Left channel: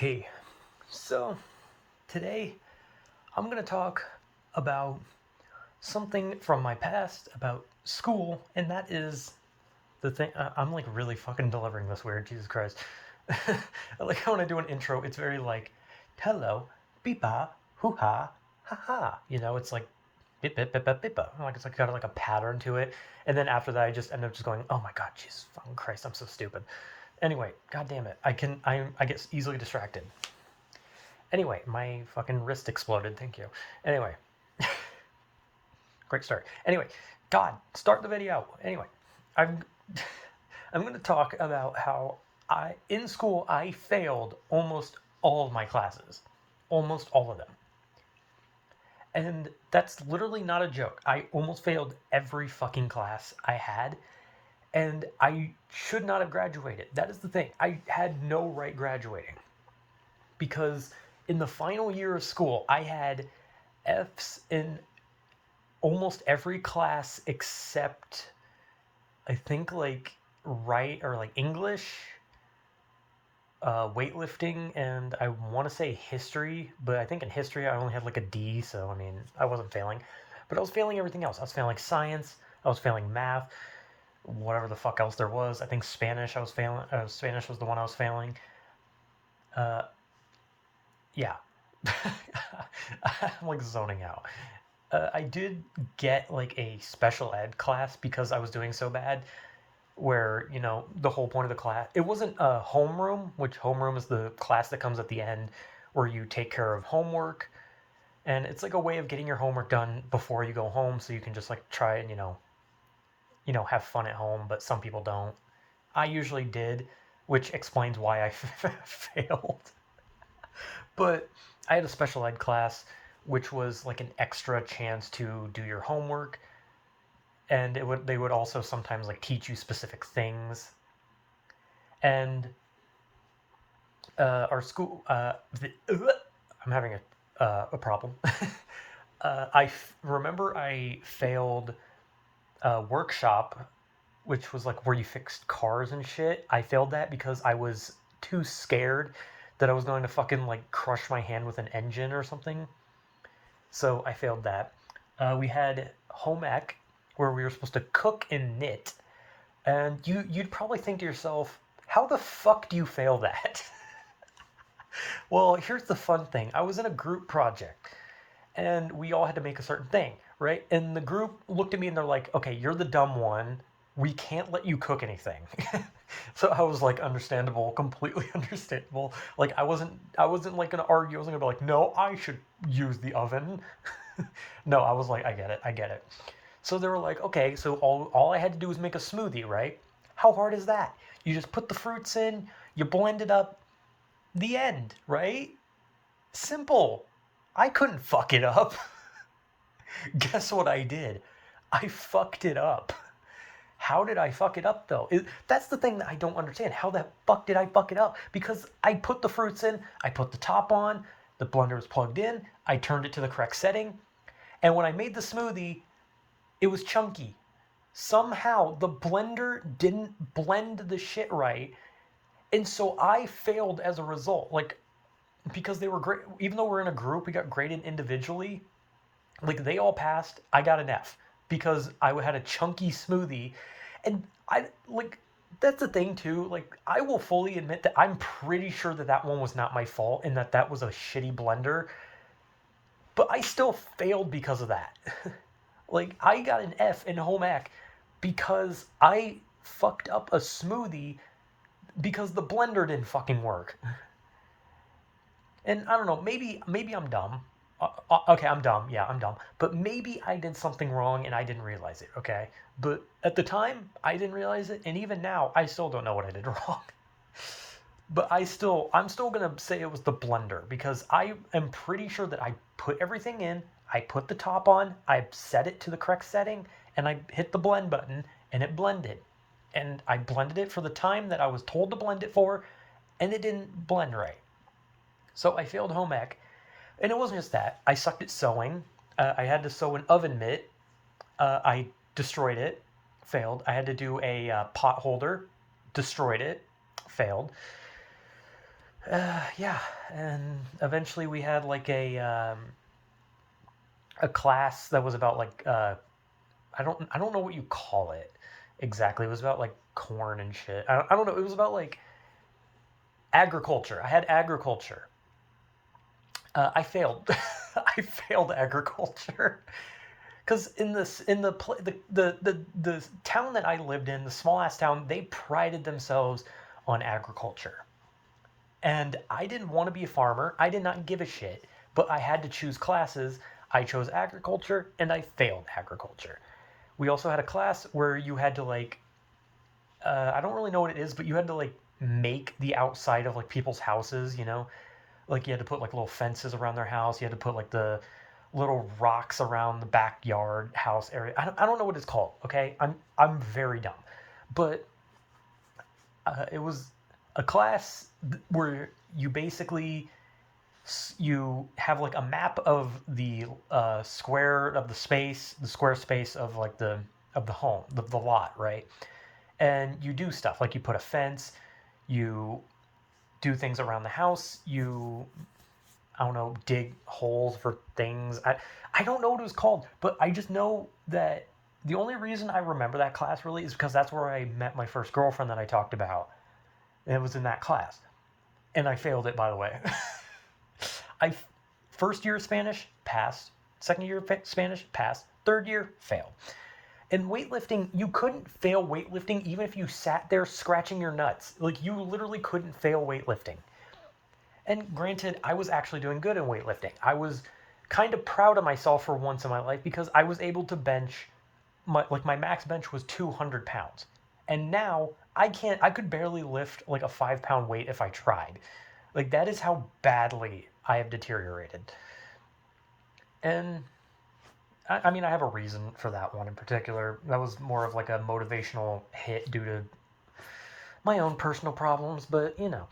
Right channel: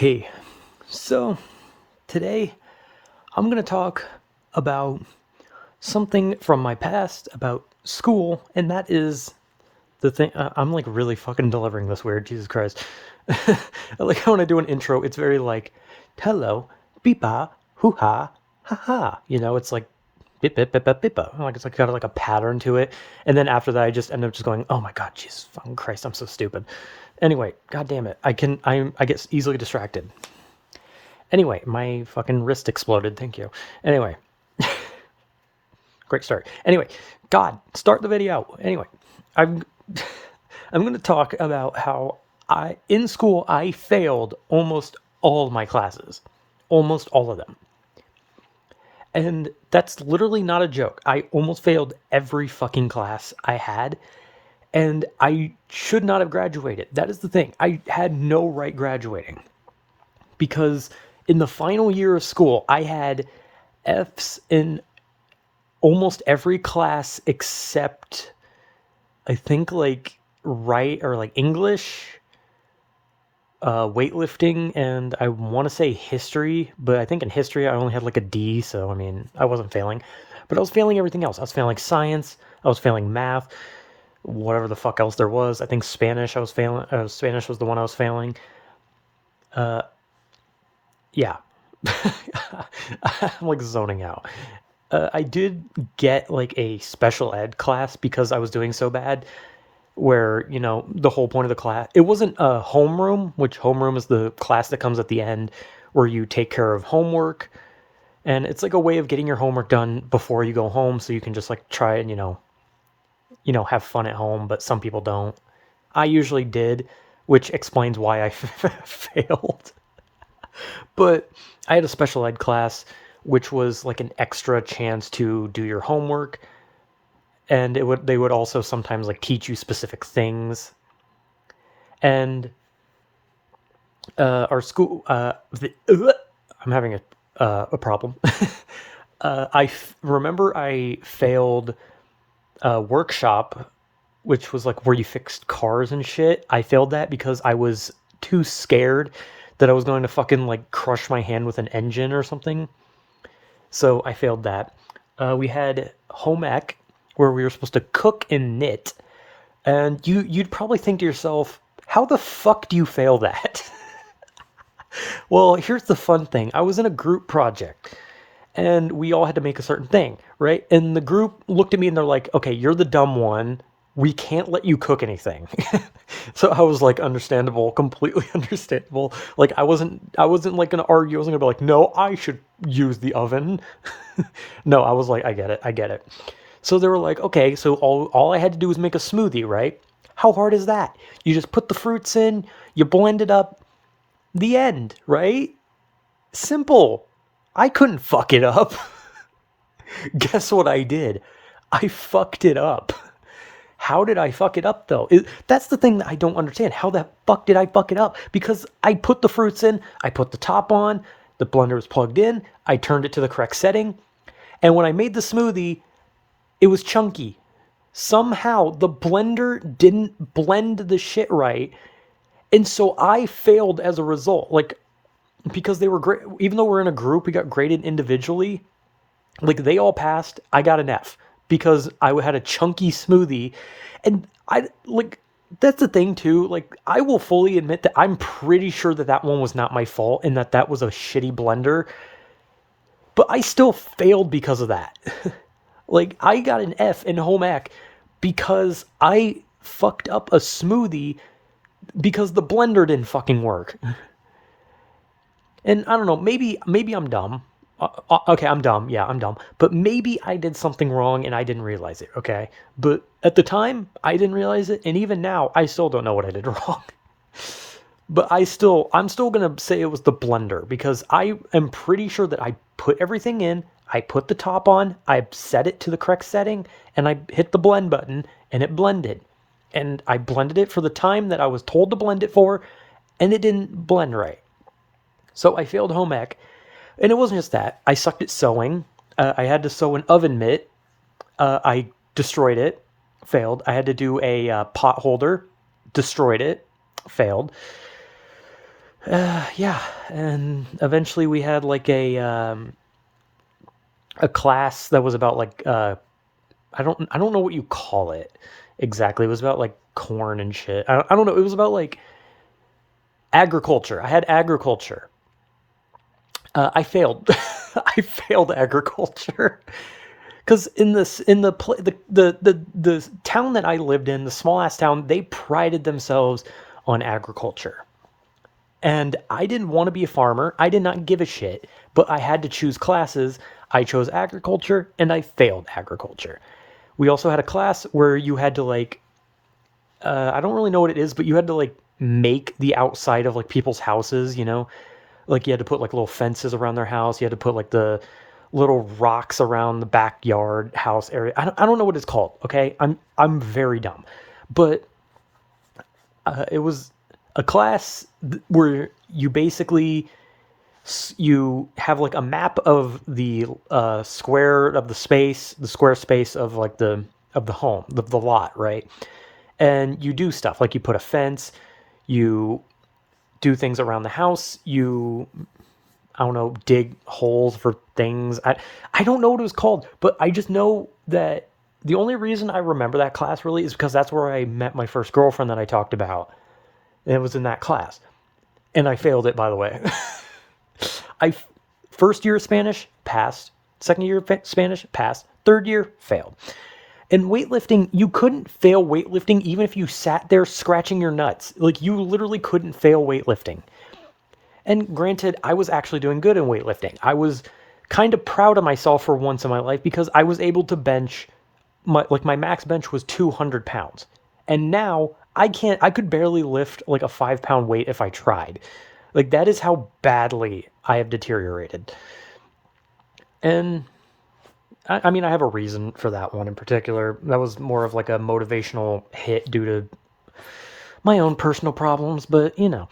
Hey, so today I'm going to talk about something from my past about school, and that is the thing. I'm like really fucking delivering this weird, Jesus Christ. Like when I do an intro, it's very like, hello, beepa, hoo ha, ha ha. It's like bip bip bip bip bippa. Like it's like got like a pattern to it. And then after that, I just end up just going, oh my god, Jesus fucking Christ, I'm so stupid. Anyway, god damn it, I get easily distracted. Anyway, my fucking wrist exploded. Thank you. Anyway, great start. Anyway, God, start the video. Anyway, I'm I'm going to talk about how I in school I failed almost all of my classes, almost all of them, and that's literally not a joke. I almost failed every fucking class I had, and I should not have graduated. That is the thing. I had no right graduating because in the final year of school, I had F's in almost every class except I think like right or like English, weightlifting, and I want to say history, but I think in history I only had like a D, so I mean I wasn't failing, but I was failing everything else. I was failing science, I was failing math, whatever the fuck else there was. I think Spanish I was failing. Spanish was the one I was failing. Yeah, I'm like zoning out. I did get like a special ed class because I was doing so bad, where the whole point of the class, it wasn't a homeroom, which homeroom is the class that comes at the end where you take care of homework, and it's like a way of getting your homework done before you go home so you can just like try and have fun at home, but some people don't. I usually did, which explains why I failed. But I had a special ed class which was like an extra chance to do your homework, and they would also sometimes like teach you specific things. And our school, I'm having a problem. Remember I failed a workshop, which was like where you fixed cars and shit. I failed that because I was too scared that I was going to fucking like crush my hand with an engine or something. So I failed that. We had home ec where we were supposed to cook and knit, and you'd probably think to yourself, how the fuck do you fail that? Well, here's the fun thing. I was in a group project and we all had to make a certain thing, right? And the group looked at me and they're like, okay, you're the dumb one. We can't let you cook anything. So I was like, understandable, completely understandable. Like I wasn't like gonna argue. I wasn't gonna be like, no, I should use the oven. No, I was like, I get it. So they were like, okay, so all I had to do was make a smoothie, right? How hard is that? You just put the fruits in, you blend it up, the end, right? Simple. I couldn't fuck it up. Guess what I did? I fucked it up. How did I fuck it up though? That's the thing that I don't understand. How the fuck did I fuck it up? Because I put the fruits in, I put the top on, the blender was plugged in, I turned it to the correct setting, and when I made the smoothie, it was chunky. Somehow the blender didn't blend the shit right, and so I failed as a result. Like, because they were great, even though we're in a group, we got graded individually. Like they all passed, I got an F because I had a chunky smoothie, and I like that's the thing too. Like I will fully admit that I'm pretty sure that that one was not my fault and that that was a shitty blender, but I still failed because of that. Like I got an F in home ec because I fucked up a smoothie because the blender didn't fucking work. And I don't know, maybe I'm dumb. Okay, I'm dumb. Yeah, I'm dumb. But maybe I did something wrong and I didn't realize it. Okay, but at the time I didn't realize it, and even now I still don't know what I did wrong. But I'm still gonna say it was the blender because I am pretty sure that I put everything in. I put the top on. I set it to the correct setting, and I hit the blend button, and it blended. And I blended it for the time that I was told to blend it for, and it didn't blend right. So I failed home ec, and it wasn't just that. I sucked at sewing. I had to sew an oven mitt. I destroyed it, failed. I had to do a pot holder, destroyed it, failed. Yeah, and eventually we had like a class that was about like I don't know what you call it exactly. It was about like corn and shit. I don't know. It was about like agriculture. I had agriculture. I failed. I failed agriculture because in the town that I lived in, the small ass town, they prided themselves on agriculture. And I didn't want to be a farmer. I did not give a shit, but I had to choose classes. I chose agriculture and I failed agriculture. We also had a class where you had to like I don't really know what it is, but you had to like make the outside of like people's houses, you know? Like you had to put like little fences around their house. You had to put like the little rocks around the backyard house area. I don't know what it's called, okay? I'm very dumb. But it was a class where you basically you have like a map of the square of the square space of like the home, the lot, right? And you do stuff like you put a fence, you do things around the house, you I don't know, dig holes for things. I don't know what it was called, but I just know that the only reason I remember that class really is because that's where I met my first girlfriend that I talked about. And it was in that class. And I failed it, by the way. I first year of Spanish passed, second year of Spanish passed, third year failed. In weightlifting, you couldn't fail weightlifting even if you sat there scratching your nuts. Like you literally couldn't fail weightlifting. And granted, I was actually doing good in weightlifting. I was kind of proud of myself for once in my life because I was able to bench my max bench was 200 pounds. And now I could barely lift like a 5 pound weight if I tried. Like that is how badly I have deteriorated. And I mean, I have a reason for that one in particular. That was more of like a motivational hit due to my own personal problems, but you know.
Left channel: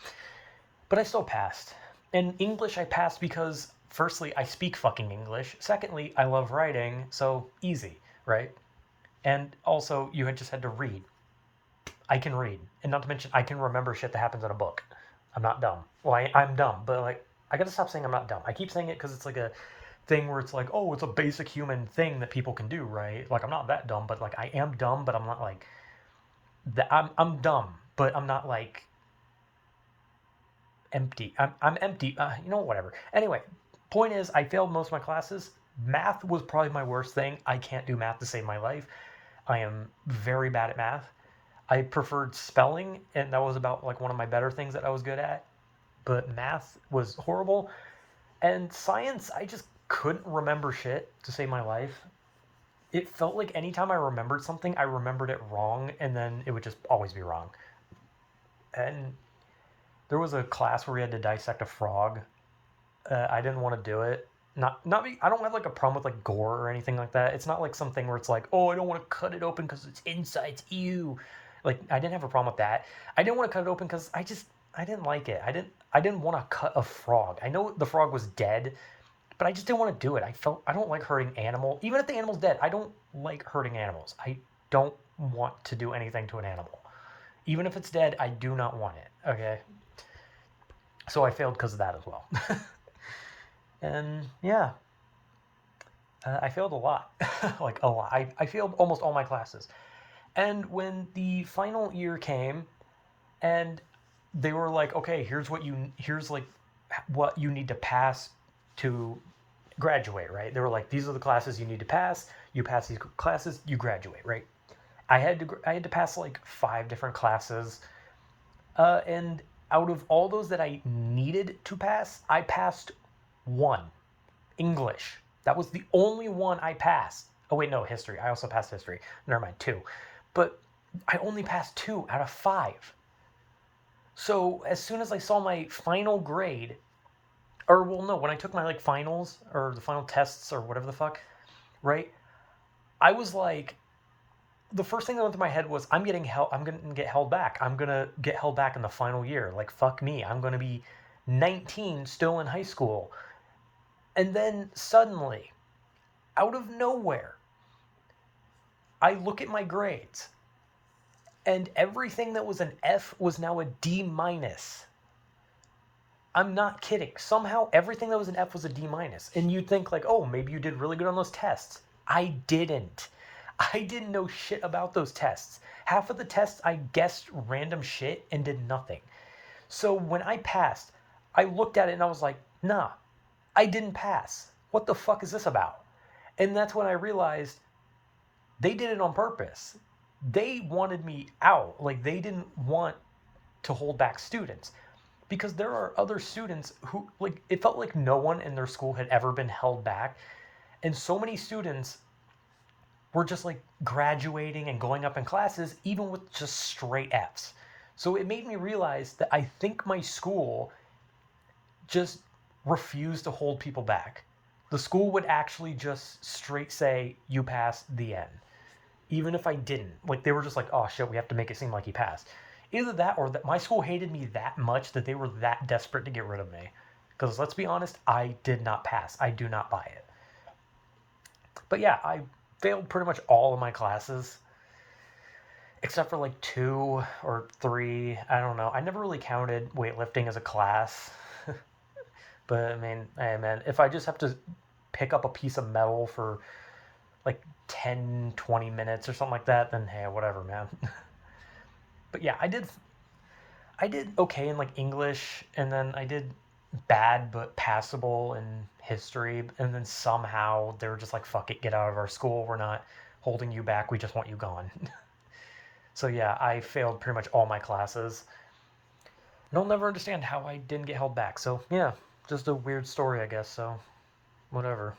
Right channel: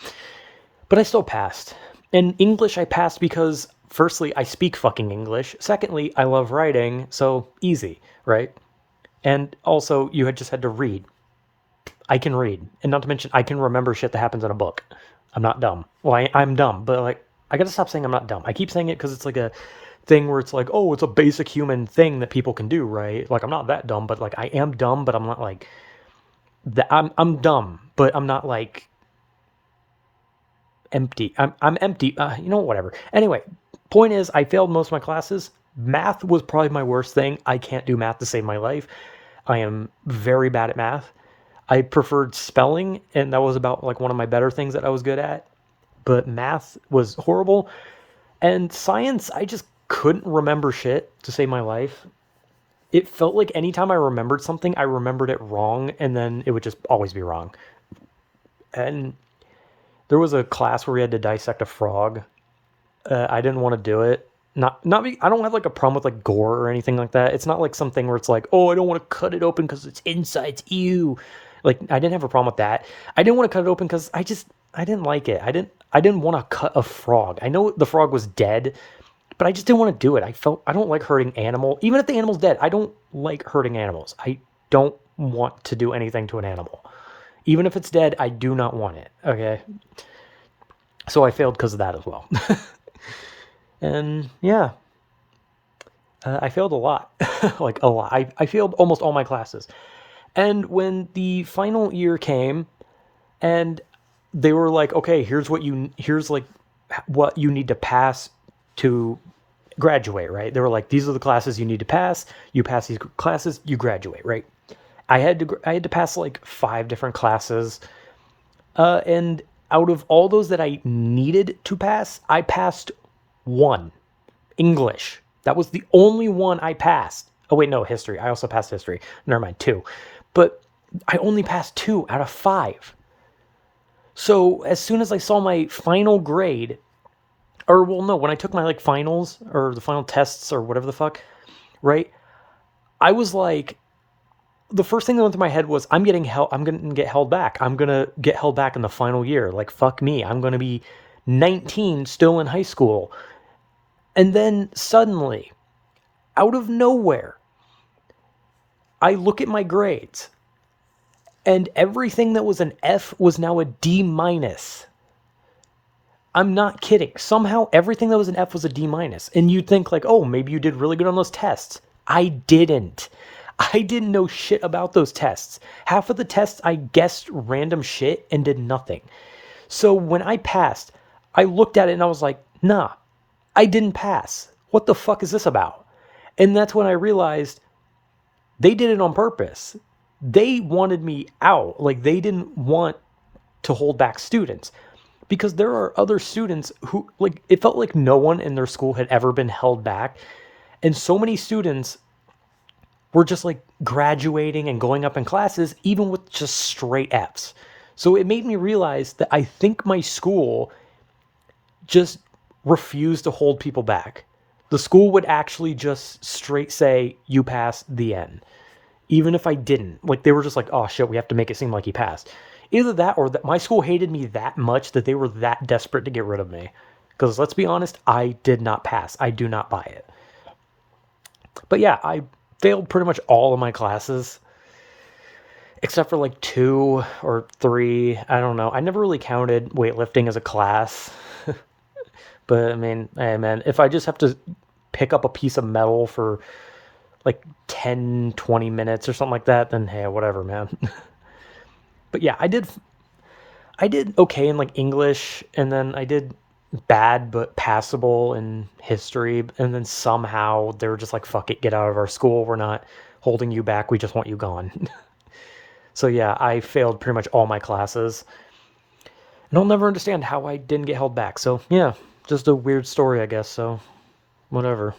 But I still passed. In English, I passed because, firstly, I speak fucking English. Secondly, I love writing, so easy, right? And also, you had just had to read. I can read. And not to mention, I can remember shit that happens in a book. I'm not dumb. Well, I'm dumb, but like, I gotta stop saying I'm not dumb. I keep saying it because it's like a thing where it's like, oh, it's a basic human thing that people can do, right? Like, I'm not that dumb, but like, I am dumb, but I'm not like, that. I'm dumb, but I'm not like empty. I'm empty. You know, whatever. Anyway, point is, I failed most of my classes. Math was probably my worst thing. I can't do math to save my life. I am very bad at math. I preferred spelling, and that was about like one of my better things that I was good at. But math was horrible. And science, I just couldn't remember shit to save my life. It felt like anytime I remembered something, I remembered it wrong, and then it would just always be wrong. And there was a class where we had to dissect a frog. I didn't want to do it. I don't have like a problem with like gore or anything like that. It's not like something where it's like, oh, I don't want to cut it open because it's insides. Ew. Like I didn't have a problem with that. I didn't want to cut it open because I didn't like it. I didn't want to cut a frog. I know the frog was dead, but I just didn't want to do it. I don't like hurting animal. Even if the animal's dead, I don't like hurting animals. I don't want to do anything to an animal. Even if it's dead, I do not want it. Okay. So I failed because of that as well. And yeah, I failed a lot. Like a lot. I failed almost all my classes. And when the final year came and they were like, okay, here's like what you need to pass to graduate, right? They were like, these are the classes you need to pass. You pass these classes, you graduate, right? I had to pass like 5 different classes. And out of all those that I needed to pass, I passed one. English. That was the only one I passed. Oh wait, no, history. I also passed history. Never mind, 2. But I only passed 2 out of 5. So as soon as I saw my final grade, or well, no, when I took my like finals or the final tests or whatever the fuck, right? I was like, the first thing that went through my head was, I'm gonna get held back. I'm gonna get held back in the final year. Like fuck me. I'm gonna be 19, still in high school. And then suddenly, out of nowhere, I look at my grades and everything that was an F was now a D minus. I'm not kidding. Somehow everything that was an F was a D minus. And you'd think like, oh, maybe you did really good on those tests. I didn't. I didn't know shit about those tests. Half of the tests I guessed random shit and did nothing. So when I passed, I looked at it and I was like, nah, I didn't pass. What the fuck is this about? And that's when I realized they did it on purpose. They wanted me out. Like they didn't want to hold back students because there are other students who like it felt like no one in their school had ever been held back, and so many students were just like graduating and going up in classes even with just straight F's. So it made me realize that I think my school just refused to hold people back. The school would actually just straight say you passed, the end, even if I didn't. Like they were just like, oh shit, we have to make it seem like he passed. Either that or that my school hated me that much that they were that desperate to get rid of me. Because let's be honest, I did not pass. I do not buy it. But yeah, I failed pretty much all of my classes except for like two or three. I don't know. I never really counted weightlifting as a class. But I mean, hey man, if I just have to pick up a piece of metal for like 10, 20 minutes or something like that, then hey, whatever, man. But yeah, I did okay in like English, and then I did bad but passable in history, and then somehow they were just like, "Fuck it, get out of our school. We're not holding you back. We just want you gone." So yeah, I failed pretty much all my classes, and I'll never understand how I didn't get held back. So yeah, just a weird story, I guess. So whatever.